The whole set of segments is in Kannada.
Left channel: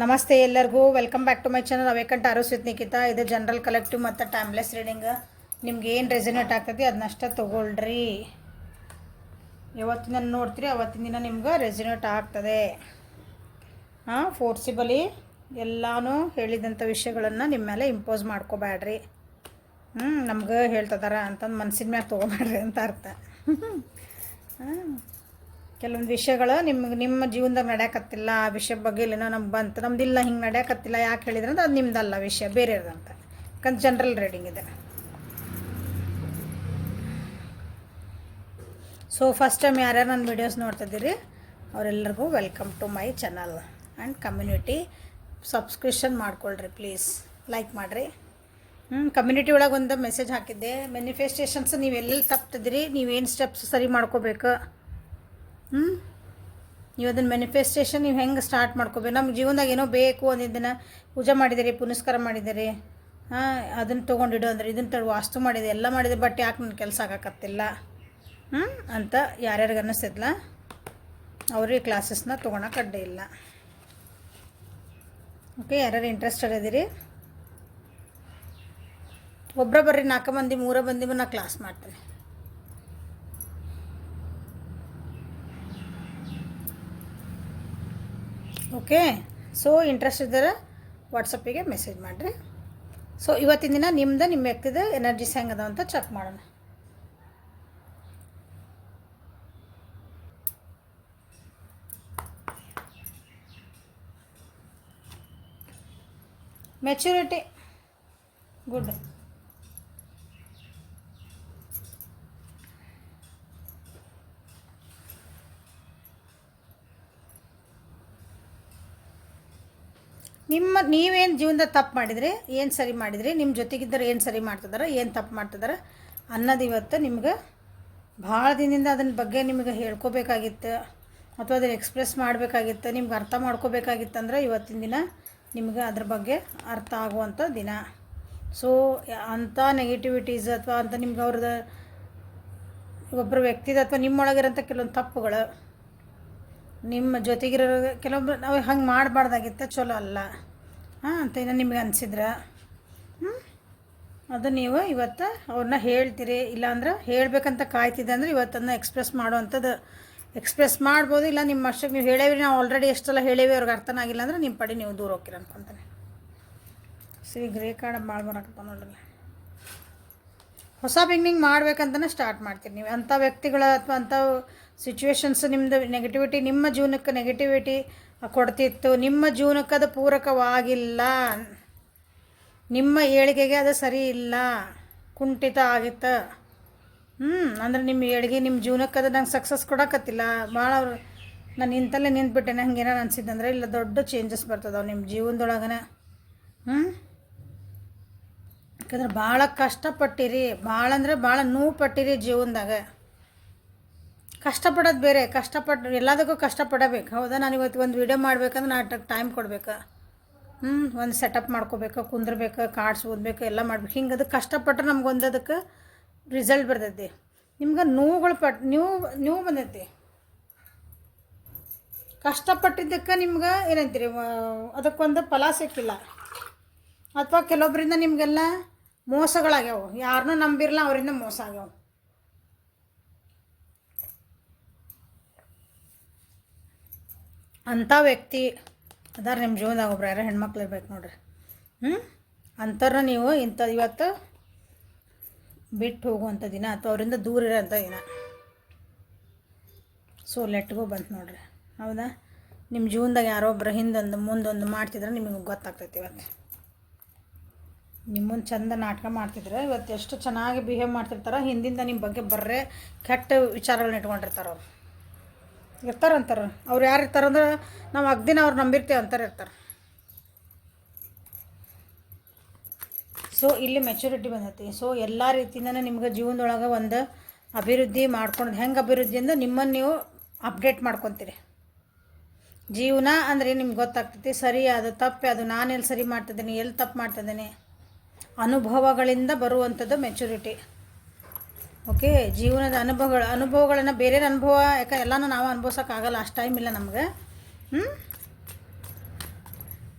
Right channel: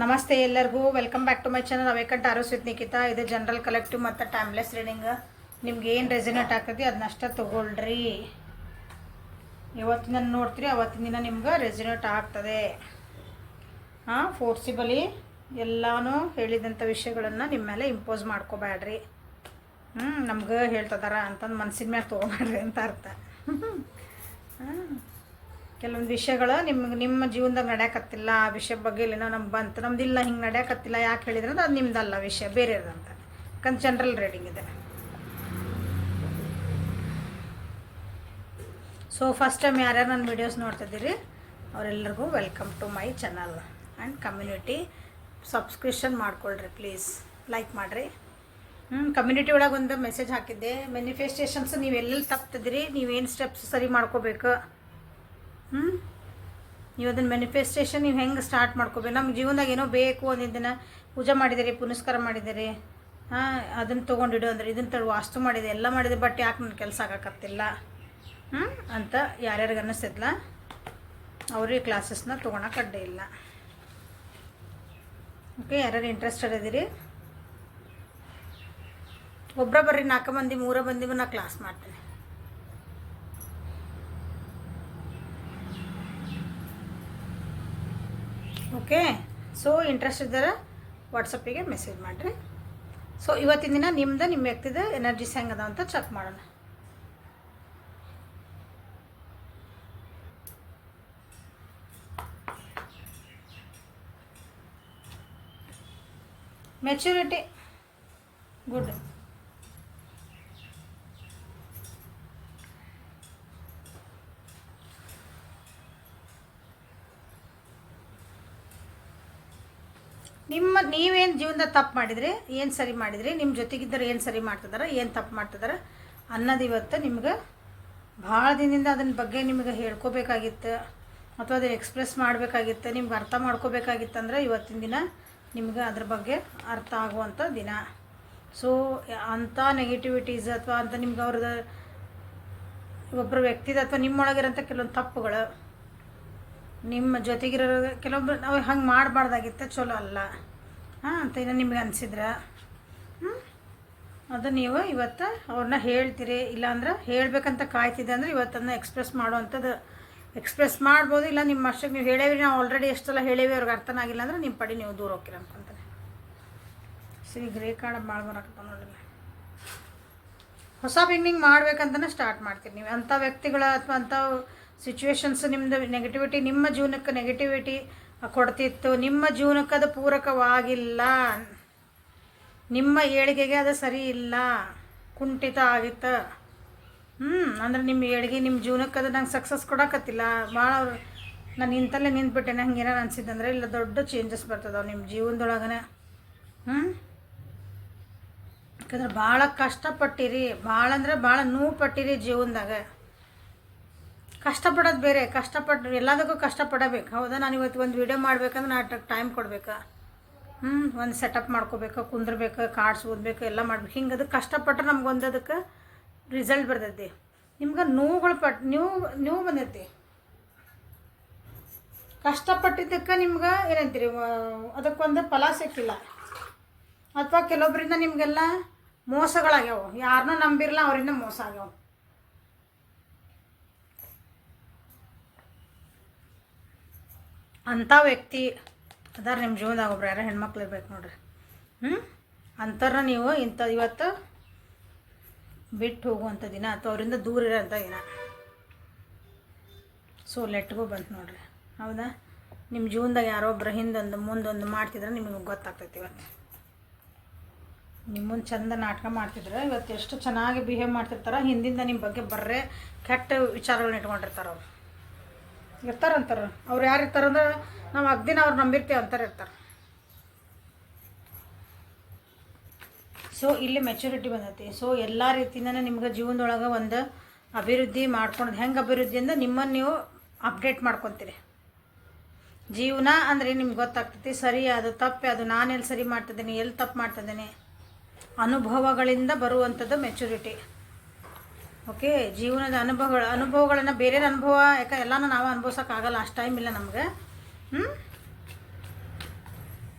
ನಮಸ್ತೆ ಎಲ್ಲರಿಗೂ welcome back to my channel awake and arose with Nikhita. ಇದು ಜನರಲ್ ಕಲೆಕ್ಟಿವ್ ಮತ್ತು ಟೈಮ್ಲೆಸ್ ರೀಡಿಂಗ್. ನಿಮ್ಗೆ ಏನು ರೆಸಿನೇಟ್ ಆಗ್ತದೆ ಅದನ್ನಷ್ಟೇ ತೊಗೊಳ್ರಿ. ಯಾವತ್ತಿನ ನೋಡ್ತೀರಿ ಅವತ್ತಿನ ದಿನ ನಿಮ್ಗೆ ರೆಸಿನೇಟ್ ಆಗ್ತದೆ. ಫೋರ್ಸಿಬಲಿ ಎಲ್ಲನೂ ಹೇಳಿದಂಥ ವಿಷಯಗಳನ್ನು ನಿಮ್ಮ ಮೇಲೆ ಇಂಪೋಸ್ ಮಾಡ್ಕೋಬೇಡ್ರಿ. ನಮ್ಗೆ ಹೇಳ್ತದಾರ ಅಂತಂದು ಮನಸ್ಸಿನ ಮ್ಯಾಲೆ ತೊಗೊಬೇಡ್ರಿ ಅಂತ ಅರ್ಥ. ಕೆಲವೊಂದು ವಿಷಯಗಳು ನಿಮ್ಮ ಜೀವನದಾಗ ನಡೆಯಕತ್ತಿಲ್ಲ, ಆ ವಿಷಯ ಬಗ್ಗೆ ಇಲ್ಲೇನೋ ನಮ್ಗೆ ಬಂತು, ನಮ್ದಿಲ್ಲ ಹಿಂಗೆ ನಡೆಯಕತ್ತಿಲ್ಲ, ಯಾಕೆ ಹೇಳಿದ್ರೆ ಅಂದ್ರೆ ಅದು ನಿಮ್ದಲ್ಲ ವಿಷಯ, ಬೇರೆ ಇರೋದಂತ. ಯಾಕಂದ್ರೆ ಜನರಲ್ ರೀಡಿಂಗ್ ಇದೆ. ಸೊ ಫಸ್ಟ್ ಟೈಮ್ ಯಾರ್ಯಾರು ನನ್ನ ವೀಡಿಯೋಸ್ ನೋಡ್ತಿದ್ದೀರಿ ಅವರೆಲ್ಲರಿಗೂ welcome to my channel and community. Subscription ಮಾಡ್ಕೊಳ್ರಿ ಪ್ಲೀಸ್, ಲೈಕ್ ಮಾಡಿರಿ. ಕಮ್ಯುನಿಟಿ ಒಳಗೆ ಒಂದು ಮೆಸೇಜ್ ಹಾಕಿದ್ದೆ, ಮ್ಯಾನಿಫೆಸ್ಟೇಷನ್ಸ್ ನೀವು ಎಲ್ಲೆಲ್ಲಿ ತಪ್ಪಿದ್ರಿ, ನೀವೇನು ಸ್ಟೆಪ್ಸ್ ಸರಿ ಮಾಡ್ಕೋಬೇಕು. ನೀವು ಅದನ್ನು ಮ್ಯಾನಿಫೆಸ್ಟೇಷನ್ ನೀವು ಹೆಂಗೆ ಸ್ಟಾರ್ಟ್ ಮಾಡ್ಕೋಬೇಕು. ನಮ್ಮ ಜೀವನದಾಗ ಏನೋ ಬೇಕು ಒಂದಿದ್ದನ್ನು ಪೂಜೆ ಮಾಡಿದ್ದೀರಿ, ಪುನಸ್ಕಾರ ಮಾಡಿದ್ದೀರಿ, ಅದನ್ನು ತೊಗೊಂಡಿಡು ಅಂದ್ರೆ ಇದನ್ನು ತಡು ವಾಸ್ತು ಮಾಡಿದೆ, ಎಲ್ಲ ಮಾಡಿದೆ, ಬಟ್ ಯಾಕೆ ನನ್ನ ಕೆಲಸ ಆಗೋಕತ್ತಿಲ್ಲ ಅಂತ ಯಾರ್ಯಾರಿಗೆ ಅನ್ನಿಸ್ತಿದ್ಲ ಅವ್ರಿಗೆ ಕ್ಲಾಸಸ್ನ ತೊಗೊಳಕ್ಕೆ ಅಡ್ಡಿ ಇಲ್ಲ. ಓಕೆ, ಯಾರ್ಯಾರು ಇಂಟ್ರೆಸ್ಟೆಡ್ ಇದ್ದೀರಿ ಒಬ್ಬರ ಬರ್ರಿ, 4 ಮಂದಿ 3 ಮಂದಿಗೂ ನಾ ಕ್ಲಾಸ್ ಮಾಡ್ತೀನಿ. ಓಕೆ, ಸೊ ಇಂಟ್ರೆಸ್ಟ್ ಇದ್ದರೆ ವಾಟ್ಸಪ್ಪಿಗೆ ಮೆಸೇಜ್ ಮಾಡಿರಿ. ಸೊ ಇವತ್ತಿನ ದಿನ ನಿಮ್ಮ ವ್ಯಕ್ತಿದ ಎನರ್ಜೀಸ್ ಹೆಂಗದ ಅಂತ ಚೆಕ್ ಮಾಡೋಣ. Maturity good. ನೀವೇನು ಜೀವನದಾಗ ತಪ್ಪು ಮಾಡಿದ್ರಿ, ಏನು ಸರಿ ಮಾಡಿದ್ರಿ, ನಿಮ್ಮ ಜೊತೆಗಿದ್ದರೆ ಏನು ಸರಿ ಮಾಡ್ತಿದಾರೆ, ಏನು ತಪ್ಪು ಮಾಡ್ತಿದಾರೆ ಅನ್ನೋದು ಇವತ್ತು ನಿಮ್ಗೆ ಭಾಳ ದಿನದಿಂದ ಅದನ್ನ ಬಗ್ಗೆ ನಿಮಗೆ ಹೇಳ್ಕೋಬೇಕಾಗಿತ್ತು ಅಥವಾ ಅದನ್ನು ಎಕ್ಸ್ಪ್ರೆಸ್ ಮಾಡಬೇಕಾಗಿತ್ತು, ನಿಮ್ಗೆ ಅರ್ಥ ಮಾಡ್ಕೋಬೇಕಾಗಿತ್ತು. ಅಂದರೆ ಇವತ್ತಿನ ದಿನ ನಿಮ್ಗೆ ಅದ್ರ ಬಗ್ಗೆ ಅರ್ಥ ಆಗುವಂಥ ದಿನ. ಸೊ ಅಂಥ ನೆಗೆಟಿವಿಟೀಸ್ ಅಥವಾ ಅಂತ ನಿಮ್ಗೆ ಅವ್ರದ್ದು ಒಬ್ಬರು ವ್ಯಕ್ತಿದ ಅಥವಾ ನಿಮ್ಮೊಳಗಿರೋಂಥ ಕೆಲವೊಂದು ತಪ್ಪುಗಳು, ನಿಮ್ಮ ಜೊತೆಗಿರೋ ಕೆಲವೊಬ್ರು ನಾವು ಹಂಗೆ ಮಾಡಬಾರ್ದಾಗಿತ್ತು, ಚಲೋ ಅಲ್ಲ ಅಂತ ಏನೋ ನಿಮ್ಗೆ ಅನಿಸಿದ್ರೆ ಅದು ನೀವು ಇವತ್ತು ಅವ್ರನ್ನ ಹೇಳ್ತೀರಿ. ಇಲ್ಲಾಂದ್ರೆ ಹೇಳಬೇಕಂತ ಕಾಯ್ತಿದ್ದೆ ಅಂದರೆ ಇವತ್ತನ್ನು ಎಕ್ಸ್ಪ್ರೆಸ್ ಮಾಡುವಂಥದ್ದು ಎಕ್ಸ್ಪ್ರೆಸ್ ಮಾಡ್ಬೋದು. ಇಲ್ಲ ನಿಮ್ಮ ಅಷ್ಟಕ್ಕೆ ನೀವು ಹೇಳೇವಿ, ನಾವು ಆಲ್ರೆಡಿ ಎಷ್ಟೆಲ್ಲ ಹೇಳೇವಿ, ಅವ್ರಿಗೆ ಅರ್ಥನಾಗಿಲ್ಲ ಅಂದರೆ ನಿಮ್ಮ ಪಡಿ ನೀವು ದೂರ ಹೋಗ್ತೀರ ಅನ್ಕೊಂತಾರೆ. ಸಿ ಗ್ರೇ ಕಾರ್ಡ್ ಭಾಳ ಬರೋಕತ್ತ ನೋಡಲ್ಲ. ಹೊಸ ಬಿಗ್ನಿಂಗ್ ಮಾಡ್ಬೇಕಂತಲೇ ಸ್ಟಾರ್ಟ್ ಮಾಡ್ತೀರಿ ನೀವು. ಅಂಥ ವ್ಯಕ್ತಿಗಳ ಅಥವಾ ಅಂಥ ಸಿಚುವೇಶನ್ಸ್ ನಿಮ್ಮದು ನೆಗೆಟಿವಿಟಿ ನಿಮ್ಮ ಜೀವನಕ್ಕೆ ನೆಗೆಟಿವಿಟಿ ಕೊಡ್ತಿತ್ತು, ನಿಮ್ಮ ಜೀವನಕ್ಕೆ ಅದು ಪೂರಕವಾಗಿಲ್ಲ, ನಿಮ್ಮ ಏಳಿಗೆಗೆ ಅದು ಸರಿ ಇಲ್ಲ, ಕುಂಠಿತ ಆಗಿತ್ತು. ಅಂದ್ರೆ ನಿಮ್ಮ ಏಳಿಗೆ ನಿಮ್ಮ ಜೀವನಕ್ಕೆ ಅದು ನಂಗೆ ಸಕ್ಸಸ್ ಕೊಡೋಕತ್ತಿಲ್ಲ, ಭಾಳ ನಾನು ಇಂತಲ್ಲೇ ನಿಂತ್ಬಿಟ್ಟೆ, ನಂಗೆ ಏನಾರು ಅನಿಸಿದ್ದಂದ್ರೆ ಇಲ್ಲ ದೊಡ್ಡ ಚೇಂಜಸ್ ಬರ್ತದವು ನಿಮ್ಮ ಜೀವನದೊಳಗನೆ. ಯಾಕಂದ್ರೆ ಭಾಳ ಕಷ್ಟಪಟ್ಟಿರಿ, ಭಾಳ ಅಂದರೆ ಭಾಳ ನೋವು ಪಟ್ಟಿರಿ ಜೀವನದಾಗ. ಕಷ್ಟಪಡೋದು ಬೇರೆ, ಕಷ್ಟಪಟ್ಟು ಎಲ್ಲದಕ್ಕೂ ಕಷ್ಟಪಡಬೇಕು. ಹೌದಾ, ನಾನು ಇವತ್ತು ಒಂದು ವಿಡಿಯೋ ಮಾಡ್ಬೇಕಂದ್ರೆ ನಾನು ಟೈಮ್ ಕೊಡಬೇಕು, ಒಂದು ಸೆಟಪ್ ಮಾಡ್ಕೋಬೇಕು, ಕುಂದ್ರಬೇಕು, ಕಾರ್ಡ್ಸ್ ಓದಬೇಕು, ಎಲ್ಲ ಮಾಡ್ಬೇಕು. ಹಿಂಗೆ ಅದು ಕಷ್ಟಪಟ್ಟರೆ ನಮ್ಗೆ ಅದಕ್ಕೆ ರಿಸಲ್ಟ್ ಬರ್ತೈತಿ. ನಿಮ್ಗೆ ನೋವುಗಳು ನೀವು ಬಂದೈತಿ. ಕಷ್ಟಪಟ್ಟಿದ್ದಕ್ಕೆ ನಿಮ್ಗೆ ಏನಂತೀರಿ, ಅದಕ್ಕೊಂದು ಫಲ ಸಿಕ್ಕಿಲ್ಲ. ಅಥವಾ ಕೆಲವೊಬ್ಬರಿಂದ ನಿಮಗೆಲ್ಲ ಮೋಸಗಳಾಗ್ಯಾವ, ಯಾರನ್ನೂ ನಂಬಿರಲ್ಲ, ಅವರಿಂದ ಮೋಸ ಆಗ್ಯಾವ. ಅಂಥ ವ್ಯಕ್ತಿ ಅದಾರ ನಿಮ್ಮ ಜೀವನದಾಗ ಒಬ್ರು, ಯಾರೋ ಹೆಣ್ಮಕ್ಳು ಇರ್ಬೇಕು ನೋಡ್ರಿ. ಅಂಥವ್ರನ್ನ ನೀವು ಇವತ್ತು ಬಿಟ್ಟು ಹೋಗುವಂಥ ದಿನ ಅಥವಾ ಅವರಿಂದ ದೂರ ಇರೋಂಥ ದಿನ. ಸೊ ಲೆಟ್ಗೋ ಬಂತು ನೋಡ್ರಿ. ಹೌದಾ, ನಿಮ್ಮ ಜೀವನದಾಗ ಯಾರೊಬ್ಬರು ಹಿಂದೊಂದು ಮುಂದೊಂದು ಮಾಡ್ತಿದ್ರೆ ನಿಮಗೆ ಗೊತ್ತಾಗ್ತೈತಿ. ಇವತ್ತು ನಿಮ್ಮ ಮುಂದೆ ಚಂದ ನಾಟಕ ಮಾಡ್ತಿದ್ರೆ ಇವತ್ತು ಎಷ್ಟು ಚೆನ್ನಾಗಿ ಬಿಹೇವ್ ಮಾಡ್ತಿರ್ತಾರೆ. ಹಿಂದಿಂದ ನಿಮ್ಮ ಬಗ್ಗೆ ಬರ್ರೆ ಕೆಟ್ಟ ವಿಚಾರಗಳನ್ನ ಇಟ್ಕೊಂಡಿರ್ತಾರೆ. ಅವ್ರು ಇರ್ತಾರಂತಾರೆ. ಅವ್ರು ಯಾರು ಇರ್ತಾರಂದ್ರೆ ನಾವು ಅಗ್ದಿನ ಅವ್ರು ನಂಬಿರ್ತೇವೆ ಅಂತಾರೆ ಇರ್ತಾರೆ. ಸೊ ಇಲ್ಲಿ ಮೆಚುರಿಟಿ ಬಂದೈತಿ. ಸೊ ಎಲ್ಲ ರೀತಿಯಿಂದನೇ ನಿಮ್ಗೆ ಜೀವನದೊಳಗೆ ಒಂದು ಅಭಿವೃದ್ಧಿ ಮಾಡ್ಕೊಂಡು, ಹೆಂಗೆ ಅಭಿವೃದ್ಧಿ ಅಂದ್ರೆ ನಿಮ್ಮನ್ನು ನೀವು ಅಪ್ಡೇಟ್ ಮಾಡ್ಕೊತೀರಿ. ಜೀವನ ಅಂದರೆ ನಿಮ್ಗೆ ಗೊತ್ತಾಗ್ತೈತಿ, ಸರಿ ಅದು ತಪ್ಪು, ಅದು ನಾನೆಲ್ಲಿ ಸರಿ ಮಾಡ್ತಿದ್ದೀನಿ, ಎಲ್ಲಿ ತಪ್ಪು ಮಾಡ್ತಿದ್ದೀನಿ. ಅನುಭವಗಳಿಂದ ಬರುವಂಥದ್ದು ಮೆಚುರಿಟಿ. ಓಕೆ, ಜೀವನದ ಅನುಭವಗಳನ್ನು ಬೇರೆ ಅನುಭವ, ಯಾಕೆ ಎಲ್ಲನೂ ನಾವು ಅನುಭವಿಸೋಕ್ಕಾಗಲ್ಲ, ಅಷ್ಟು ಟೈಮ್ ಇಲ್ಲ ನಮಗೆ.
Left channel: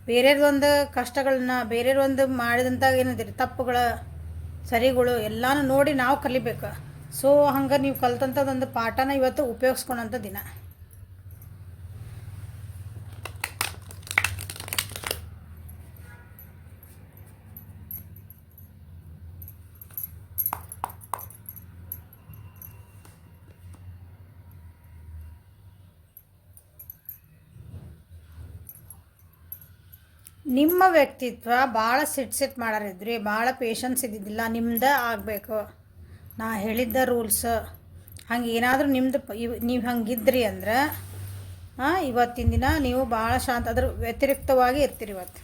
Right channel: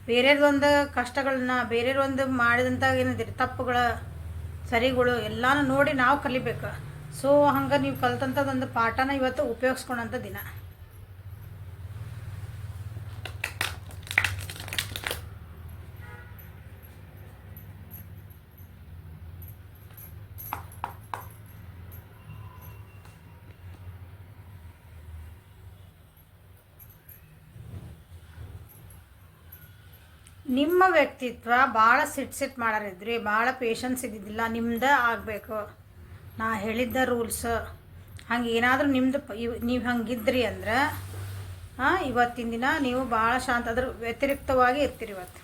ಬೇರೆಯವ್ರೊಂದು ಕಷ್ಟಗಳನ್ನ ಬೇರೆಯವ್ರೊಂದು ಮಾಡಿದಂಥ ಏನಂತೀರಿ ತಪ್ಪುಗಳ ಸರಿಗಳು ಎಲ್ಲನೂ ನೋಡಿ ನಾವು ಕಲಿಬೇಕು. ಸೊ ಹಂಗೆ ನೀವು ಕಲ್ತಂಥದ್ದೊಂದು ಪಾಠನ ಇವತ್ತು ಉಪಯೋಗಿಸ್ಕೊಳಂಥ ದಿನ. ನಿಮ್ಮ ವ್ಯಕ್ತಿತ್ವ ಭಾಳ ಸಿಟ್ ಮಾಡಾರಿದ್ರಿ, ಭಾಳ ಪೇಷನ್ಸ್ ಇದ್ದಿದ್ದಿಲ್ಲ, ನಿಮ್ದು ಆಗಬೇಕು. ನಾ ಹೇಳಿದ್ದ ರೂಲ್ಸ್ ಹಂಗೆ ಏನಾದರೂ ನಿಮ್ದು ನೀವು ಹಂಗಿದ್ರಿ ಅಂದ್ರೆ ಇವತ್ತಿನ ದಿನ ನೀವು ಭಾಳ ಶಾಂತ, ಅದ್ರ ವ್ಯತಿರಿಕ್ತವಾಗಿ ಇರ್ತೀರಿ ಇವತ್ತು.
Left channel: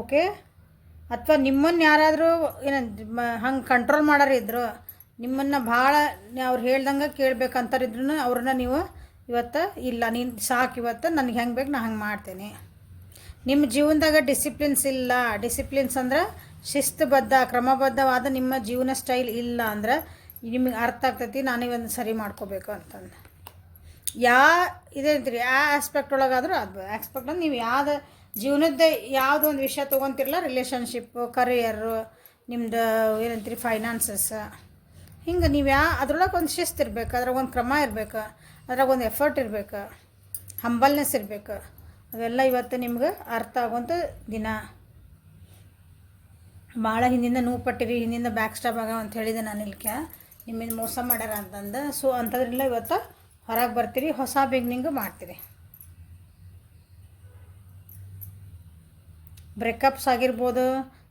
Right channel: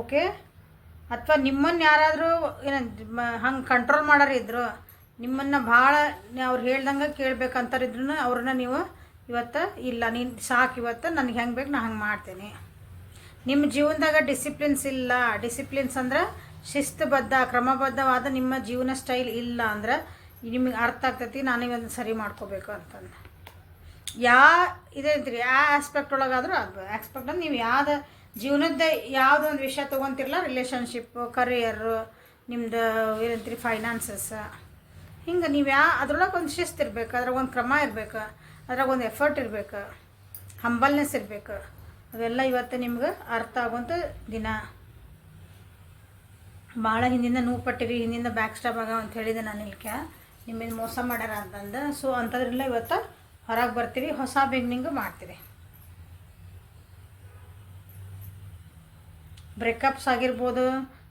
ಓಕೆ. ಅಥವಾ ನಿಮ್ಮನ್ನು ಯಾರಾದರೂ ಹಂಗೆ ಕಂಟ್ರೋಲ್ ಮಾಡೋರಿದ್ರು, ನಿಮ್ಮನ್ನು ಭಾಳ ಅವ್ರು ಹೇಳ್ದಂಗೆ ಕೇಳಬೇಕಂತಾರಿದ್ರು ಅವ್ರನ್ನ ನೀವು ಇವತ್ತು ಇಲ್ಲ ನೀನು ಸಾಕು, ಇವತ್ತು ನನಗೆ ಹೆಂಗೆ ಬೇಕು ನಾನು ಹಂಗೆ ಮಾಡ್ತೇನೆ. ನಿಮ್ಮ ಜೀವನದಾಗ ಡಿಸಿಪ್ಲಿನ್ಸ್ ಇಲ್ಲ, ಡಿಸಿಪ್ಲಿನ್ಸ್ ಅಂದ್ರೆ ಶಿಸ್ತುಬದ್ಧ ಕ್ರಮಬದ್ಧವಾದ ನಿಮ್ಮ ಜೀವನ ಸ್ಟೈಲ್ ಇಲ್ಲ ಅಂದ್ರೆ ನಿಮಗೆ ಅರ್ಥ ಆಗ್ತೈತಿ ನಾನೀಗೊಂದು ಸರಿ ಮಾಡ್ಕೋಬೇಕು ಅಂತಂದು. ಇದೇಂತೀರಿ ಯಾವ ಆಸ್ಪೆಕ್ಟ್ ಒಳಗಾದ್ರೂ ಅದು ಆಸ್ಪೆಕ್ಟ್ ಅಂದ್ರೆ ನೀವು ಯಾವ್ದು ಜೀವನದ ಯಾವುದೋ ಒಂದು ವಿಷಯ ತೊಗೊತಿರಲ್ಲ, ರಿಲೇಷನ್ಶಿಪ್ಪು, ಕರಿಯರು, ನಿಮ್ಮದು ಏನಂತೀರಿ ಫೈನಾನ್ಸಸ್, ಹಿಂಗೆ ನೀವು ಅದ್ರೊಳಗೆ ಒಂದು ಶಿಸ್ತು ಇರಬೇಕು, ಅದ್ರಾಗ ಒಂದು ಕ್ರಮ ಇರಬೇಕು, ಅದ್ರಾಗ ಒಂದು ಎಫರ್ಟ್ ಇರಬೇಕು, ಹಂಬಲ್ನೆಸ್ ಇರಬೇಕು. ಅವೆಲ್ಲ ಇವತ್ತು ನಿಮ್ಗೆ ಅರ್ಥ ಆಗುವಂಥ ದಿನ. ಭಾಳ ಹಿಂದಿಂದ ನೋವು ಪಟ್ಟಿರಿ, ಹಿಂದಿಂದ ಬ್ಯಾಕ್ ಸ್ಟಾಪ್ ಆಗ ಅಂತ ಹೇಳಿದೆ ನಾನು ಇಲ್ಕೆ ನಿಮ್ಮಿಂದ ಮೋಸ ಮಾಡ್ಯಾರ ಅಂತಂದು. ಸೊ ಅಂಥದ್ರಿಂದ ಇವತ್ತು ಹೊರಗೆ ಬರ್ತೀರಿ, ಹೊಸ ಬಿಗ್ನಿಂಗು ಮಾಡ್ತೀರಿ. ಬ್ರೇಕಪ್ಸ್ ಆಗಿರ್ಬೋದು,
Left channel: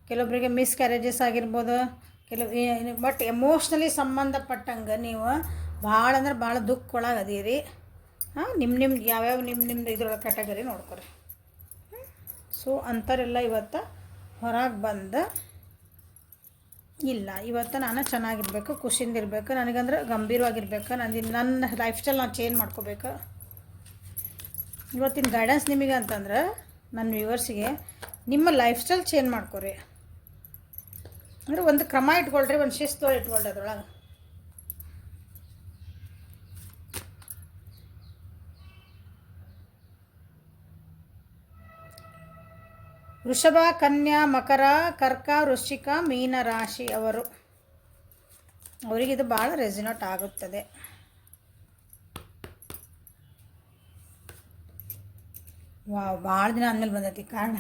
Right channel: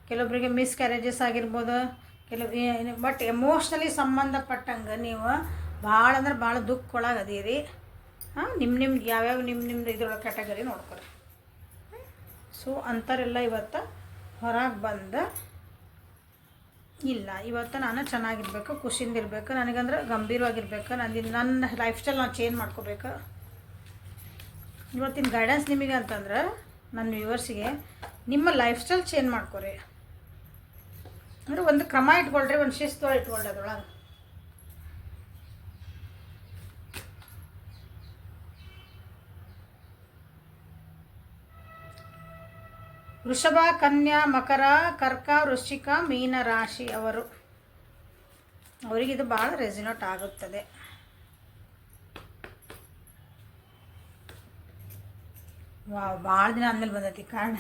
ಕೆಲವೊಬ್ಬರಿಗೆ ಮಿಸ್ ಕ್ಯಾರೇಜಸ್ ಆಗಿರ್ಬೋದು, ಬಟ್ ಎಮೋಷ್ನಲಿ ಸಂಬಂಧಪಟ್ಟಂಗೆ ನೀವು ಭಾಳ ಅಂದ್ರೆ ಭಾಳ ದುಃಖೊಳಗೆ ಅದೀರಿ. ನಿಮ್ದು ಯಾವ್ಯಾವ ನಿಮ್ದು ಇದ್ರೊಳಗೆ ಕ್ಯಾಟಗರಿ ನೋಡ್ಕೊರಿ. ಸೊ ಅಂಥವರೆಲ್ಲ ಇವತ್ತು ಹೊರಗೆ ಬಂದು ಇಲ್ಲ ಇವತ್ತು ನಾನು ಚೆನ್ನಾಗಿರ್ಬೇಕು, ಖುಷಿಯಿಂದ ಇರಬೇಕು, ನನಗಂದ್ರೆ ಗಂಭೀರವಾಗಿರ್ಬೇಕು, ನನ್ನ ಲೈಫ್ ಸ್ಟೈಲ್ ನಾನು ಚೇಂಜ್ ಮಾಡ್ಕೋಬೇಕು. ಇವತ್ತಿನ ಗೈಡೆನ್ಸ್ ನಿಮಗೆ ಅಂತಂದ್ರೆ ನನ್ನ ವ್ಯೂವರ್ಸಿಗೆ ನಿಮ್ಮ ಲೈಫ್ ಸ್ಟೈಲ್ ಚೇಂಜ್ ಮಾಡ್ಕೊರಿ. ಅಂದರೆ ಒಂದು ಕ್ರಮ ಇಟ್ಕೊಳ್ರಿ, ಒಂದು ಶಿಸ್ತು ಇಟ್ಕೊಳ್ರಿ ಅದ್ರೊಳಗೆ. ವೃಷಭ, ಕನ್ಯಾ, ಮಕರ, ಕರ್ಕ, ವೃಶ್ಚಿಕ, ಮೀನ ರಾಶಿ ಅವರಿಗಿದು ಭಾಳ ರೆಸಿನೇಟ್ ಆಗುತ್ತದೆ. ಭಾಳ ದಿನ ಆದಮೇಲೆ ಬಂದೈತಿ ಕಾರಣ.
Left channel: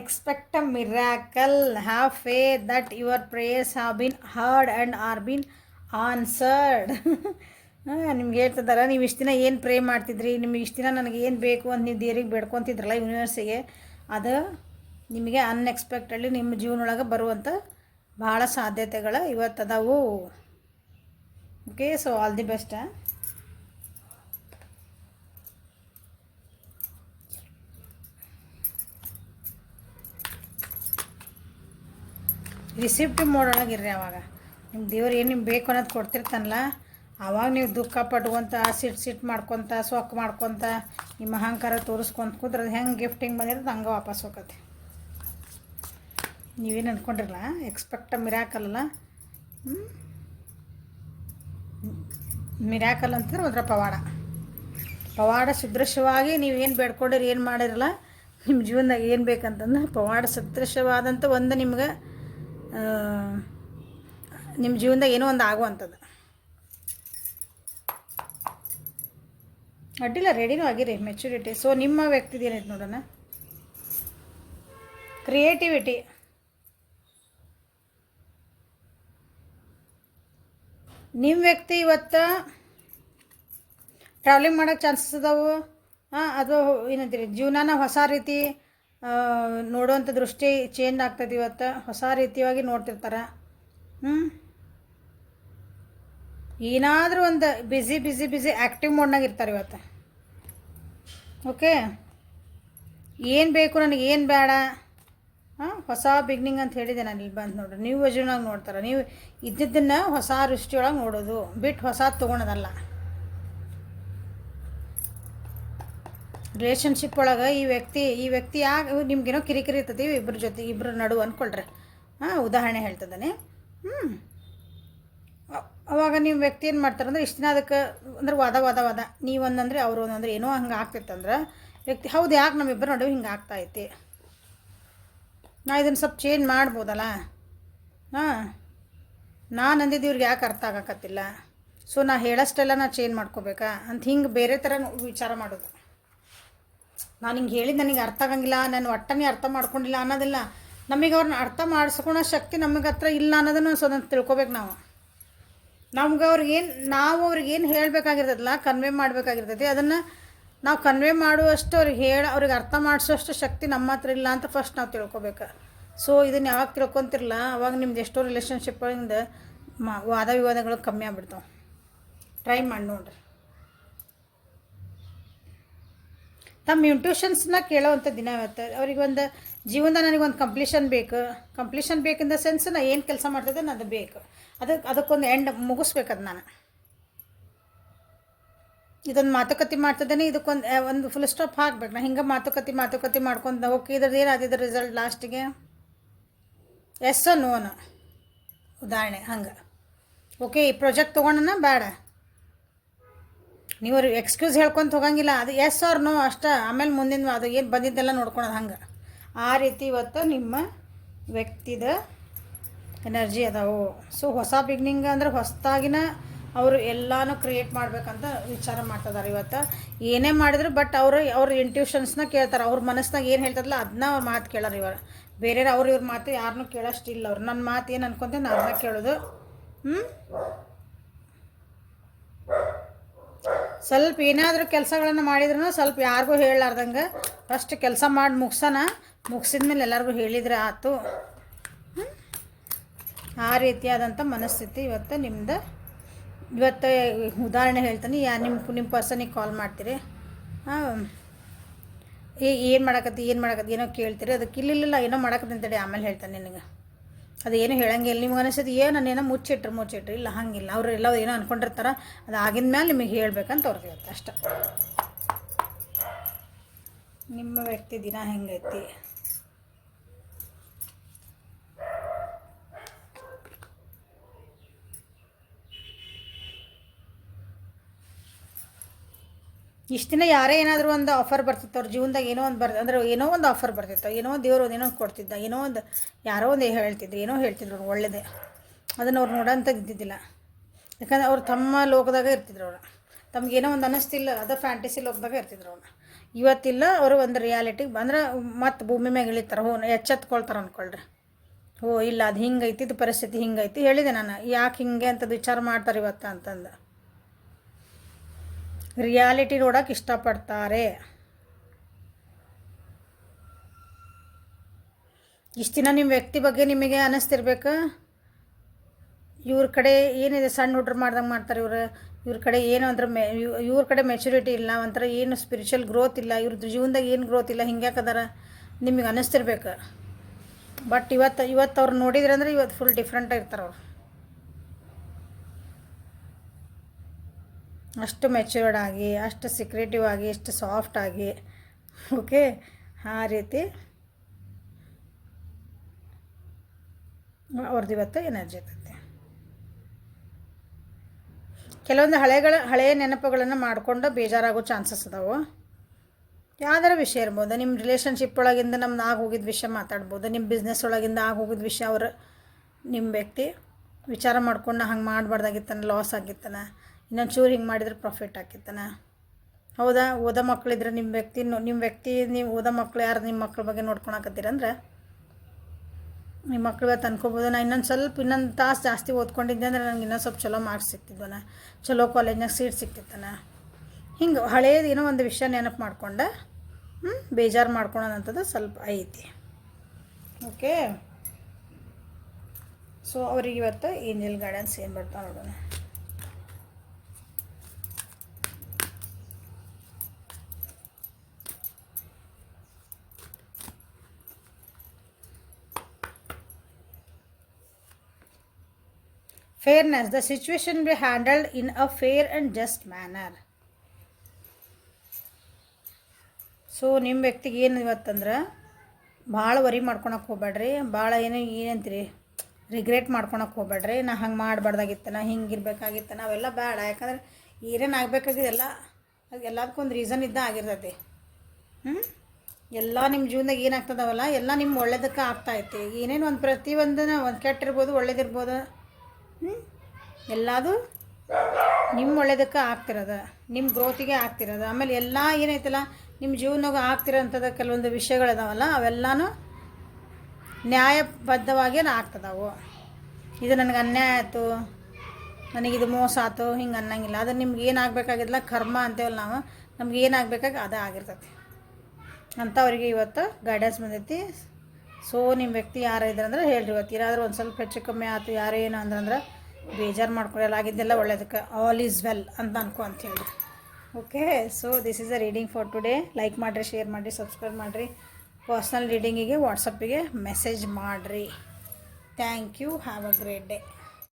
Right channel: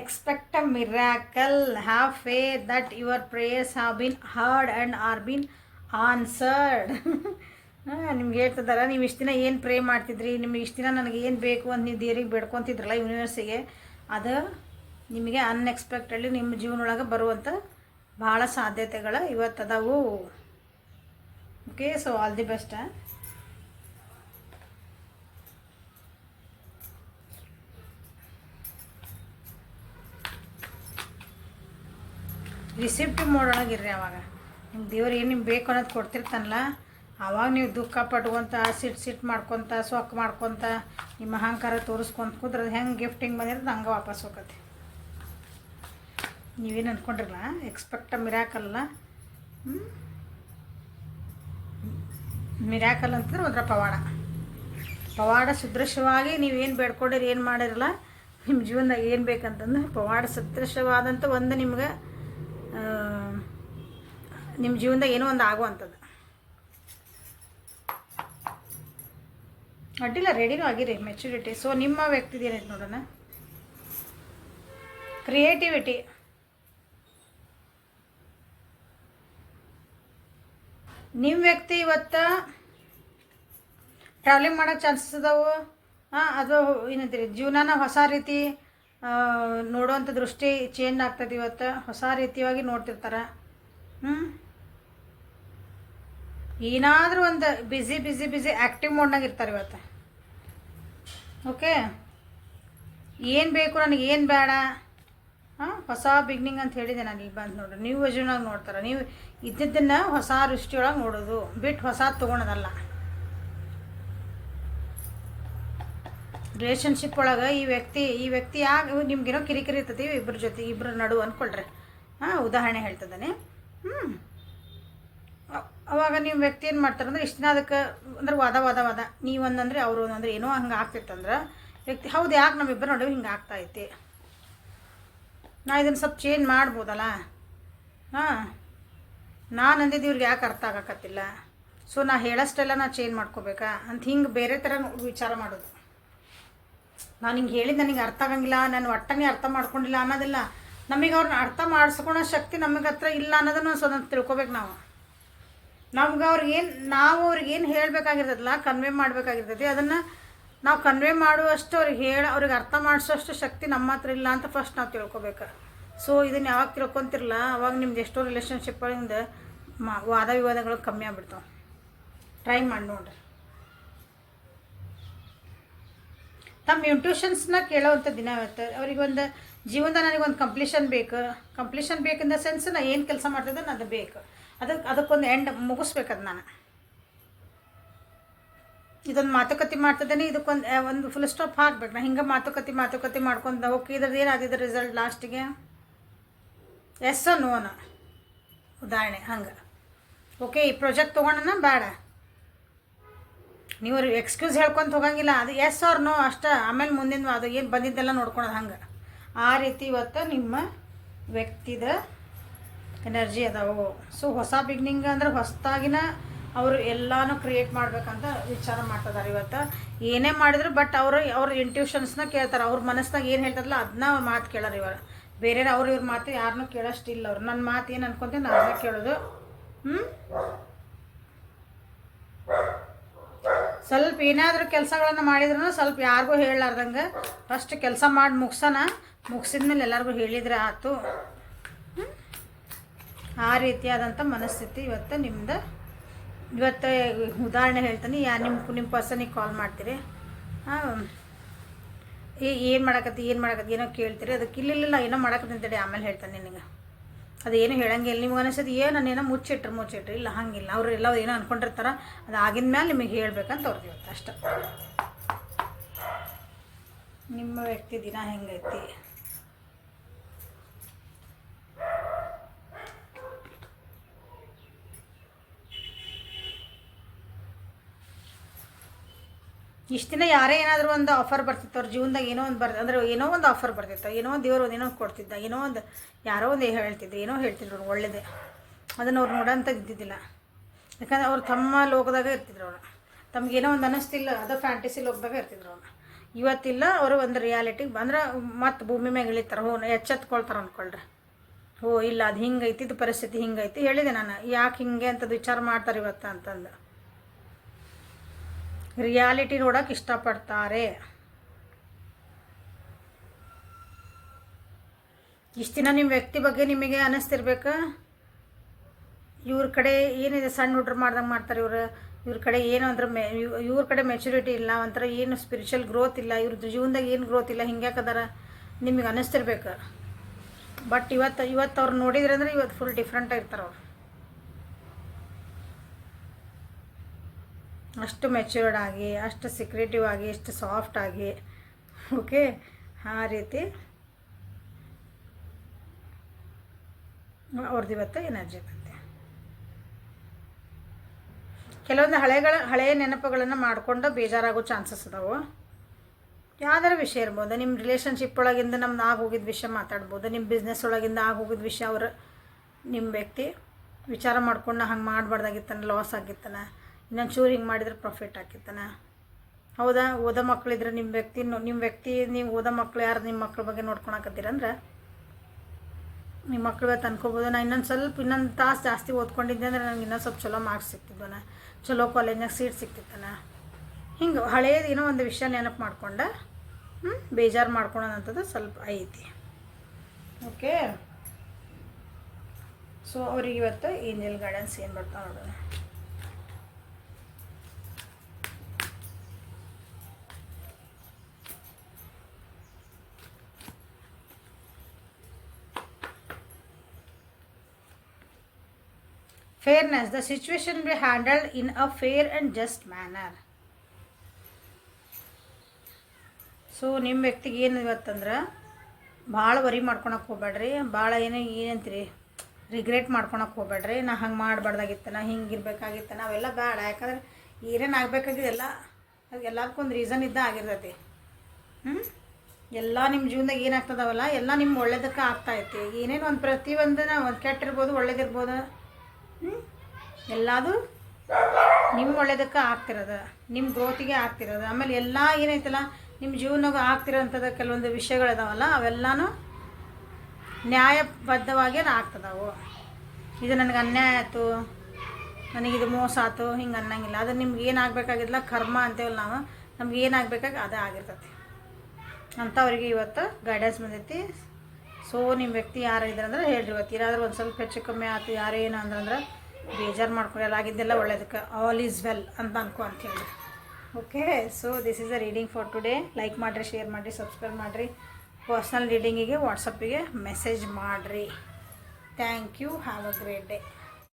Expect a miracle, have faith that your prayers have been heard and are been answered. ನಿಮ್ಗೆ ಹೇಳ್ತಿದ್ದಾರೆ, ನೀವು ಇಷ್ಟು ದಿನ ಏನು ಪ್ರೇ ಮಾಡ್ತಿದ್ರಿ, ನಿಮ್ಗೆ ಇಷ್ಟು ದಿನ ನನಗೆ ಏನು ಬೇಕು ಅಂತ ನೀವು ದೇವ್ರಿಗೆ ಬೇಡ್ಕೊತಿದ್ರಲ್ಲ ಯೂನಿವರ್ಸಿಗೆ, ಅದು ನಿಮಗೆ ಅನ್ಎಕ್ಸ್ಪೆಕ್ಟೆಡ್ಲಿ ನಿಮ್ಮ ಜೀವನೊಳಗೆ ಬರುವಂಥ ಭಾಳ ಸಾಧ್ಯತೆಗಳು ಇವತ್ತು ಅದಾವು. Okay, so all the best. Receptive ಮೋಡೊಳಗಿರ್ರಿ. ಅವಾಗ ನಿಮ್ಮ ದೇವ್ರು ಏನು ನಿಮ್ಗೆ ಬೇಕು ಅನ್ನೋದು ಕೊಡ್ತಿರ್ತಾನಲ್ಲ, ಆವಾಗ ನೀವು ದುಃಖ ಪಟ್ಕೊಂತ ಸಿಟ್ಟು ಮಾಡ್ಕೊತ ಸೊಕ್ಕು ಮಾಡ್ಕೊತ ನಿಮ್ಮ ಅಹಂಕಾರ ತೋರಿಸ್ಕೊಂತ ಕೂತ್ರೆ ಅದು ಹೆಂಗೆ ಗಿಫ್ಟಿಂಗ್ ಬಂದಿರೋದು ಹಂಗೆ ವಾಪಸ್ ಹೋಗತ್ತೆ. ನೀವೇನು ಅಂದ್ಕೊಂಡಿರಲ್ಲ, ಎಕ್ಸ್ಪೆಕ್ಟ್ ಮಿರಾಕಲ್ಲ. ಮಿರಾಕಲ್ ಅಂತಂದ್ರೆ ಒಂಥರ ಪವಾಡ ಸದೃಶವಾಗಿ ನೀವೇನು ಬೇಡ್ಕೊಂಡಿರಿ, ಏನು ಮಾಡಿರಲ್ಲ, ನಿಮ್ಮ ಜೀವನದಾಗ ಏನು ಬೇಕಂತಂದ್ರೆ ಪವಾಡ ಸದೃಶವಾದಂಥ ಒಂದು ನಿಮ್ಗೆ ನಿಮ್ಮ ಜೀವನದಾಗ ಏನೋ ಒಂದು ಆಗುವಂಥದ್ದು. ಅಡ್ಡಿಲ್ಲ, ರೆಡಿನೂ ಆಗಿರಿ, ಮೆಚುರಿಟಿ. ಸೊ ನಿಮ್ಮ ವ್ಯಕ್ತಿದು ಏನೈತೆ ನೋಡೋಣ. ಕ್ರಿಯೇಟಿವಿಟಿ, ನಿಮ್ಮ ವ್ಯಕ್ತಿ ಇವತ್ತು ಟ್ರಾವೆಲಿಂಗ್ ಮಾಡೋಕ್ಕೆ ಚಾನ್ಸಸ್ ಅದಾವು. ಅದು ಏನಂತೀರಿ, ಜೀವನನ ಹೊಸ ರೀತಿ ನೋಡುವಂಥ ದೃಷ್ಟಿ ಚೇಂಜ್ ಆಗ್ತದೆ. ಇವತ್ತು ಹೊಸ ರೀತಿಯಾಗಿ ನೋಡ್ತಿರ್ತಾರೆ. ಏನಾದರೂ ಒಂದು ಬಿಸಿ ಆ್ಯಕ್ಟಿವ್ ಮೋಡ್ನಾಗ ಇರ್ತಾರೆ ಇವತ್ತು. ಓಕೆ, ಏನು ಬೇಕು ನನಗೆ, ಏನು ಬೇಡ, ಹೊಸ ಬಿಗ್ನಿಂಗ್ ಅಂತ ಹೇಳಿದೆ ನಾನು. ಇಲ್ಲಿ ಬಂದು ನೋಡ್ರಿ, ನೀವು ವಿಷನಾಗ ನೋಡ್ತಾರೆ. ನೀವು ಇದ್ದಿದ್ದನ್ನು ಹೊಸ ದೃಷ್ಟಿಯೊಳಗೆ ನೋಡೋದು ಬಿಟ್ಟು ಹೊಸ ತೊಗೊಳೋದಲ್ಲ. ರಿಲೇಷನ್ಶಿಪ್ ಒಳಗೆ ಈ ವ್ಯಕ್ತಿ ಯಾಕೆ ನಿಮ್ಗೇನೋ ಕಿರಿಕಿರಿ ಇರ್ತದೆ ಇಬ್ಬರ ನಡುವೆ ಅಂದ್ಕೊಳ್ರಿ. ಉದಾಹರಣೆ ಹೇಳ್ತದಾನೆ. ಅವಾಗ ನಿಮ್ಮ ವ್ಯಕ್ತಿ ಏನು ಮಾಡ್ತಾರೆ ಅಂದರೆ, ಇಷ್ಟು ದಿನ ಅದಕ್ಕೆ ಅಂದ್ರೆ ವಾದ ನೀವು ಒಂದಂದ್ರೆ ಅವರು ಒಂದಂದ್ರೆ ಏನೋ ಹಂಗೆ ಆಗ್ತಿತ್ತಂದ್ರೆ ವ್ಯಕ್ತಿ ಹೌದು ಯಾಕೆ ನಮ್ಮಿಬ್ಬರು ನಡುವೆ ಹಿಂಗೆ ಆಗ್ತಾಯಿತ್ತು, ನಾ ಇದನ್ನು ಸ್ವಲ್ಪ ಚೇಂಜ್ ಮಾಡ್ಬೋದಲ್ಲ, ಹಾಂ ನಾನು ಅಂದಿದ್ದು ಇವ್ರಿಗೆ ಯಾಕೆ ಅರ್ಥ ಆಗಕತ್ತಿಲ್ಲ, ಸೊ ನಾ ಹೇಳೋಷ್ಟೆಲ್ಲ ನಾ ಚೇಂಜ್ ಮಾಡ್ಕೋಬೇಕಾ ಅಂತ ಹಿಂಗೆ ಬೇರೆ ಥರ ವಿಚಾರ ಮಾಡೋದು. ನಾನು ಹಿಂಗೆ ಹೇಳಿದ್ದು ನನಗೆ ಅರ್ಥ ಆಗಂಗಿಲ್ಲ, ನಾನು ಒಟ್ಟನೇ ಅರ್ಥ ಮಾಡ್ಕೊಂಡಿಲ್ಲ ಅನ್ನೋದಿಲ್ಲ. ನಮಗೆ ಅವ್ರನ್ನ ಅರ್ಥ ಮಾಡಿಸ್ಕೊಳೋ ಶಕ್ತಿ ನಮಗೆ ಹತ್ರ ಇಲ್ಲ ಅನ್ನೋದನ್ನು ಸ್ವಲ್ಪ ತಿಳ್ಕೊಬೇಕು ನಾವು. ನಮ್ಗೆ ನಾವು ಅವ್ರಿಗೇನು ಹೇಳಬೇಕಾಗಿರ್ತದಲ್ಲ, ಕನ್ವೆ ಮಾಡಬೇಕಾಗಿರ್ತೈತಿ, ಅದನ್ನು ನಾವು ಕನ್ವೆ ಮಾಡುವಷ್ಟು ಅವ್ರಿಗೆ ಅರ್ಥ ಮಾಡಿಸೋಷ್ಟು ಶಕ್ತಿ ನಮ್ಮ ಹತ್ರ ಇಲ್ಲ ಅಂತ ಫಸ್ಟ್ ನಾವು ತಿಳ್ಕೊಬೇಕು. ಸೊ ಇದನ್ನು ಯಾವಾಗ ತಿಳ್ಕೊತಿರಲ್ಲ ಅವಾಗ ನಿಮ್ದು ಎಷ್ಟೋ ರಿಲೇಷನ್ಶಿಪ್ಗಳಿಂದ ವಾದ ವಿವಾದಗಳು ಕಮ್ಮಿ ಆಗ್ಬಿಡ್ತಾವೆ. ಟ್ರೈ ಮಾಡಿ ನೋಡ್ರಿ. ತಮ್ಮ ಇಂಟ್ಯೂಷನ್ಸ್ನ ಕೇಳೋವಂಥ ದಿನ ಇವತ್ತು. ಅವ್ರಿಗೆ ಒಂದು ಜೀವನದ ನನಗೊಂದು ಕಂಪ್ಲೀಷನ್ ಬೇಕು ಇನ್ ದ ಸೆನ್ಸ್ ನಾ ಏನು ಕೆಲಸ ಮಾಡ್ತಿದ್ದೆ ಅದು ಬೇಕು, ಅದಕ್ಕೊಂದು ಎಂಡ್ ಮುಗಿಸ್ಬೇಕದು. ನಾನು ಇದೊಂದು ಮಾತುಕತೆ ಮಾಡ್ತಿದ್ದೇನೆ, ಇದಕ್ಕೊಂದು ಫುಲ್ ಸ್ಟಾಪ್ ಹಾಕ್ಬೇಕು. ನಾ ಹಿಂಗೆ ಮಾತುಕತೆ ಮಾಡ್ಕೊಂಡು ಓಕೆ ಇದ್ರದ್ದು ಏನಾದಿದ್ದು ರಿಸಲ್ಟ್ ಲಾಸ್ಟಿಗೆ ಎಸ್ ನೋನ ಉದಾಹರಣೆ ಹಂಗೆ ಓಕೆ ಈ ಪ್ರಾಜೆಕ್ಟ್ ತೊಗೊಂಡನ ಬೇಡ, ನೀವು ಅವ್ರಿಗೆ ಎಕ್ಸ್ಕ್ಯೂಸ್ ಹೇಳ್ಕೊಂತ ಹೋಗಂಗಿಲ್ಲ, ಅದು ಎಸ್ ಆರ್ ನೋ ಅಷ್ಟೇ. ಆಮೇಲೆ ಮುಂದಿನ ಅದು ಏನು ಬಂದಿದ್ದೆಲ್ಲ ನೋಡ್ಕೊಳೋದು ಹಂಗೆ. ಆ ರೀತಿ ಇವತ್ತು ನಿಮ್ಮ ವ್ಯಕ್ತಿದ ಎನರ್ಜಿ ಅದಾವು. ಸೊ ಹೊಸ ಬಿಗ್ನಿಂಗ್ ಅಂದ್ರೆ ಹೊಸದಾಗಿನ ಅವರು ಎಲ್ಲನೂ ಕ್ರಿಯೇಟ್ ಮಾಡ್ಬೇಕಂತ ವಿಚಾರ ಮಾಡ್ತಿದ್ದಾರೆ ಇವತ್ತು. ಏನೇ ಮಾಡಿದ್ರು ಬಟ್ ಅವ್ರ ಇಂಟ್ಯೂಷನ್ಸ್ನ ಕೇಳ್ತಾರೆ. ಅವ್ರ ಮನಸ್ಸಿನಾಗ ಏನು ಹೇಳ್ತದಲ್ಲ ಅದನ್ನ ಅವ್ರ ಮಾತು ಕೇಳೋರು. ಬೇರೆ ಇವ್ರ ಮಾತು ಯಾರನ್ನೂ ಕೇಳೋಷ್ಟಿಲ್ಲ ಅವ್ರು. ನನ್ನ ಮಾತು ಏನು ಅನ್ಕೊಂತೀನಿ ನಾನು ಅದನ್ನ ಕೇಳೋದು. ಸ್ವಲ್ಪ ಏನಾದರೂ ಕೆಲಸಗಳನ್ನು ಮಾಡಿದ್ರೂ ಸ್ವಲ್ಪ ಯಾರಿಗೂ ಹೇಳಲಾರ್ದಂಗೆ ಫಸ್ಟ್ ಕೆಲಸ ಮಾಡಿ ಮುಗಿಸಿದ್ಮೇಲೆ ಎಲ್ಲರಿಗೂ ಹೇಳಿದರೆ ಆಯ್ತು. ಆ ರೀತಿಯಾದಂಥ ಮನಸ್ಥಿತಿ ಇವತ್ತು ನಿಮ್ದು. ಇವತ್ತು ಉದಾಹರಣೆ ಹೇಳ್ತೀನಿ. ನಿಮ್ಮ ಪರ್ಸನಿಗೆ ಕಾಲ್ ಮಾಡ್ತೀರಿ, ಏನು ಮಾಡಕತ್ತಿ ಏನೋ ಕೇಳ್ತೀರಿ, ಅದಕ್ಕೆ ಇಲ್ಲ ಏನೋ ಮಾಡಕತ್ತಿ ಅಂತೇಳಿ ಆಮೇಲೆ ಹೇಳ್ತಾನೆ ನಿನಗೆ. ಅದೇನು ಹೇಳಂಗಿಲ್ಲ. ನಿಮ್ಗೆ ಅನಿಸೋದು ನಾನೇನೋ ಮುಚ್ಚಿಟ್ರಿ ಇಲ್ಲ ಹಂಗಿಲ್ಲ. ಅವರು ಎಲ್ಲ ಏನೋ ಅಂದ್ಕೊಂಡಿರ್ತಾರೆ, ಅದು ಆಗಿದ ಮೇಲೆ ನಿಮಗೆ ಹೇಳ್ಬೇಕಂತ ಅವ್ರದ್ದು ಇವತ್ತು ಅಷ್ಟೆ. ನಿಮ್ಮ ವ್ಯಕ್ತಿ ದಿನ ಹೆಂಗೈತಿ? ಇಷ್ಟು ದಿನ ಯಾರೇ ಏನಾದರೂ ಒಂದು ಆಫರ್ ಬರ್ತಿತ್ತು ಅವ್ರ ಜೀವನದಾಗ, ಏನೋ ಒಂದು ಆಫರ್ ಬರ್ತಿತ್ತು, ಏನೋ ಒಂದು ದೇವರು ಏನೋ ಕೊಡ್ತಿದ್ದ, ಯಾರೋ ಒಂದು ಹೇಳ್ತಿದ್ರು ಅವ್ರು ಒಳ್ಳೆಯದೇ. ಅದನ್ನು ಅವ್ರು ನೋಡೋಂಥದ್ದು ಇದ್ದಿದ್ದಿಲ್ಲ. ಯಾಕಂದ್ರೆ ಅವ್ರು ತಮ್ಮ ಲೋಕದಾಗ ಇರ್ತಿದ್ರು. ಅವರು ತಮಗೇನೋ ಒಂದು ಅನ್ನಿಸ್ತಿಲ್ಲ, ಅದು ಫ್ಯಾಂಟಸಿ ಲೋಕದಾಗ ಇರ್ತಿದ್ರು ಅವ್ರು. ಇವತ್ತಿಲ್ಲ, ಅವರು ಒಂದು ರಿಯಾಲಿಟಿಗೆ ಬಂದ್ರೆ ಮತ್ತೆ ಭೂಮಿ ಮ್ಯಾಗ ಇಳಿತಾರೆ, ಎಚ್ಚೆತ್ಕೊಳ್ತಾರೆ ಅಂದ್ಕೊಳ್ರಿ. ಇಲ್ಲ ಅದು ಹಿಂಗೈತಿ, ಇದು ಪರಿಸ್ಥಿತಿ ಹಿಂಗೈತಿ, ಹೇಳಿದೆ ನಾನು ಯಾಕೆ ಹಿಂಗೆ ಅಂತದ್ದು ವಿಚಾರ ಮಾಡ್ತಾರೆ ಇವತ್ತು ಅಂತಂದು. ರಿಯಾಲಿಟಿ ನೋಡೋಕೆ ಇಷ್ಟಪಡ್ತಾರೆ. ಇಷ್ಟು ದಿನ ನಿಮ್ಮ ವ್ಯಕ್ತಿ ಬಗ್ಗೆ ನಿಮಗೆ ಅನ್ನಿಸ್ತಿರ್ಬೇಕು, ಇವ್ರ ಕಡೆ ಏನಿದೆ ಸಣ್ಣ ಹುಡ್ರು ಮಾಡ್ದಂಗೆ ಮಾಡ್ತಾರೆ ಇವ್ರ ಕಡೆ ಏನು ಅಂದ್ರೆ ಇವ್ರ ಕಡೆ ಮೆಚುರಿಟಿ ಇಲ್ಲ, ಒಂಥರ ಏನು ಸ್ಪಿರಿಚುವಲ್ ಗ್ರೋತ್ ಇಲ್ಲ, ಇವ್ರದ್ದು ಜೀವನದಾಗ ಏನು ಗ್ರೋತ್ ಇಲ್ಲ, ಹಿಂಗ್ಯಾಕದಾರ ನಿಮಗೆ ಅನ್ನಿಸ್ತಿರ್ಬೇಕು. ಬಟ್ ಇವತ್ತು ಅವ್ರು ನೋಡಿದ್ರೆ ಅಂದ್ರೆ ಇವತ್ತು ಫುಲ್ ಡಿಫ್ರೆಂಟಾಗಿ ಇರ್ತಾರೆ ಅವ್ರು. ಅಷ್ಟು ಮೆಚ್ಯೂರ್ಡ್ ಆಗಿ, ಅಷ್ಟು ಸೀಕ್ರೆಟಿವ್ ಆಗಿ, ಅಷ್ಟು ಸಾಫ್ಟ್ ಆಗಿ, ಓಕೆ ಆ ರೀತಿ ಅವ್ರದ್ದು ಇವತ್ತು ಎನರ್ಜಿ ಇರುತ್ತೆ. ಕೆಲವೊಂದು ಹಳೆಯ ನೆನಪುಗಳನ್ನು ಮಾಡಿಕೊಂಡು ಬೇಜಾರಾಗೋ ಚಾನ್ಸಸ್ ಅದಾವೆ. ಯಾವ್ದಾರ ವಿಷಯ ಇರ್ಬೋದು, ನಿಮ್ಮ ರಿಲೇಷನ್ಶಿಪ್ ಒಳಗಿಂದ ನಮ್ದು ಆಗೋಗಿದ್ದ ವಿಷಯ ಮಾತಾಡ್ಬೋದು, ನಿಮ್ಮ ಬಿಸ್ನೆಸ್ ಒಳಗಿಂದ ಆಗೋಗಿದ್ದ ವಿಷಯ ನಿಮ್ಮ ವ್ಯಕ್ತಿ ವಿಚಾರ ಮಾಡ್ಕೊಂಡು ಹಂಗೆ ಮಾಡಬಾರ್ದಾಗಿತ್ತಾನೆ, ಲಾಸ್ ಆಗಿತ್ತಾನೆ, ಇನ್ನೊಂದು ಚೂರು ಹಿಂಗೆ ಮಾಡಿದ್ರೆ ಪ್ರಾಫಿಟ್ ಆಗಿತ್ತಾನೆ. ಹೌದಾ? ಓದೋ ಮಕ್ಕಳಿದ್ರೆ ನಿಮ್ಮ ವ್ಯಕ್ತಿ ನೀವು ಓದೋ ಮಕ್ಕಳು ಯಾರು ನಿಮ್ಮ ಮಕ್ಕಳ ಬಗ್ಗೆ ನೋಡ್ಕೊಳಕತ್ತೀರಂದ್ರೆ ನಿಮ್ಮ ಮಕ್ಳು ಇವತ್ತು ಅನ್ಕೋಬೋದು, ನಾನು ಇನ್ನೊಂದು ತಾಸು ಜಾಸ್ತಿ ಓದ್ಕೊಂಡಿದ್ದೆ ಅಂದರೆ ನನಗೆ ಇನ್ನೊಂದು ಸ್ವಲ್ಪ ಚಲೋ ಮಾರ್ಕ್ಸ್ ಸಿಗ್ತಿದ್ವನ, ಚಲೋ ಕಾಲೇಜ್ನಾಗ ಸೀಟ್ ಸಿಗ್ತಿತ್ತಾನ. ಹಿಂಗೆ ಹಳೇದು ಏನೋ ಒಂದು ವಿಷಯ ನೆನಪು ಮಾಡ್ಕೊಂಡು ಬೇಜಾರು ಮಾಡ್ಕೊಳೋದಂಥದ್ದು ಸ್ವಲ್ಪ ಐತಿ. ಓಕೆ, ಸೊ ಅವ್ರಿಗೆ ಇವತ್ತು ಏಂಜಲ್ ಗೈಡೆನ್ಸ್ ಏನು ಬರ್ತಾವೆ ನೋಡೋಣ. Fairness. The situation will be handled in a fair and just manner. So ನಿಮ್ಮ ವ್ಯಕ್ತಿಗೆ ಏನು ಇವತ್ತಂದ್ರೆ ಭಾಳ ವರಿ ಮಾಡ್ಕೊಳಕ್ಕೆ ಹೋಗ್ಬೇಡ್ರಿ, ಭಾಳ ಏನಂತೀರಿ ರಿಗ್ರೆಟ್ ಮಾಡ್ಕೊಳಕ್ಕೆ ಹೋಗ್ಬೇಡ್ರಿ. ನಾ ಹಂಗೆ ಮಾಡಬಾರ್ದಾಗಿತ್ತನ, ಹಿಂಗೆ ಇರಬೇಕಾಗಿತ್ತ, ನಾವೆಲ್ಲ ಬೇಡ. ಯಾಕಂದ್ರೆ ಏನೇನು ಆಗಬೇಕಾಗಿದೆಲ್ಲ ಅದು ಎಲ್ಲದಕ್ಕೊಂದು ರೀಸನ್ ಇದ್ದ ಆಗಿರ್ತೈತಿ. ಎಲ್ಲ ನಿಮ್ಮ ಜೀವನದಾಗ ಏನಾಗ್ತದವಲ್ಲ ಎಲ್ಲ ನಿಮ್ಮ ಒಳ್ಳೇದಕ್ಕೆ ಆಗ್ತಾಯಿತ್ತು. ಏನೇನು ಒಂದು ಪ್ರತಿಯೊಂದನ್ನ ಒಂದು ಕೆಟ್ಟಿರ್ಬೋದು ಒಳ್ಳೇದಿರ್ಬೋದು, ಎಲ್ಲದು ನಿಮ್ಮ ಒಳ್ಳೇದಕ್ಕೆ ಆಗ್ತಿರೋದು, ನಿಮ್ಮ ಗ್ರೋತಿಗೆ ಆಗ್ತಿರೋದು. ಆಮೇಲೆ ಎಲ್ಲ ಏನೈತಲ್ಲ ನಿಮ್ಮ ಜೀವನದಾಗ ಆಗ್ತಿರೋಂಥದ್ದು ಕೆಲವೊಂದು ವಿಷಯಗಳಿದಾವಲ್ಲ ಅವೆಲ್ಲನೂ ನ್ಯಾಯಬದ್ಧವಾಗಿ ಆಗ್ತದವು. ಇದು ನನಗೆ ಅನ್ಯಾಯ ಆಯಿತು, ನನಗಿದು ಮೋಸ ಆಯ್ತು ಹಿಂಗೆ ಅನ್ನಂಗಿಲ್ಲ. ಅದು ನಿಮ್ಗೆ ಏನಾಗಬೇಕಾಗಿಲ್ಲ ಕರ್ಮ ಅಂತೇವಲ್ಲ ನಾವು, ನಮ್ಗೆ ಏನಾಗಬೇಕಾಗಿ ಅದೇ ಆಗಿರ್ತೈತಿ ಅಂಥವ್ರಿಗೆ ಇವತ್ತು ಗೈಡೆನ್ಸ್ ಬಂದೈತಿ. ಸೊ ನಿಮ್ಮ ವ್ಯಕ್ತಿ ಯಾರು ಇದ್ದಾರೆ ಅಂದ್ರೆ ಹೇಳ್ರಿ, ಇವತ್ತು ಏನಾದರೂ ಒಂದು ಸ್ವಲ್ಪ ಹೆಚ್ಚು ಕಮ್ಮಿ ಆಯ್ತು ಯಾರೇನು ಅಂದ್ರೆ ಬೇಜಾರು ಮಾಡ್ಕೊಳ್ಳಲ್ಲ, ಆಗಿದ್ದೆಲ್ಲ ಒಳ್ಳೇದಕ್ಕೆ, ಆಲ್ ಈಸ್ ವೆಲ್ ಅಂತ ಅನ್ಕೊ ಅಂತ ಹೇಳಿ. Okay, so this is a reading for today. Like ಮಾಡಿರಿ, ಶೇರ್ ಮಾಡಿರಿ, ಸಬ್ಸ್ಕ್ರೈಬ್ ಮಾಡಿರಿ. ಪರ್ಸ್ನಲ್ ರೀಡಿಂಗಿಗೆ ವಾಟ್ಸಪ್ಪಿಗೆ ಮೆಸೇಜ್ ಮಾಡಿರಿ. Thank you. Have a great day.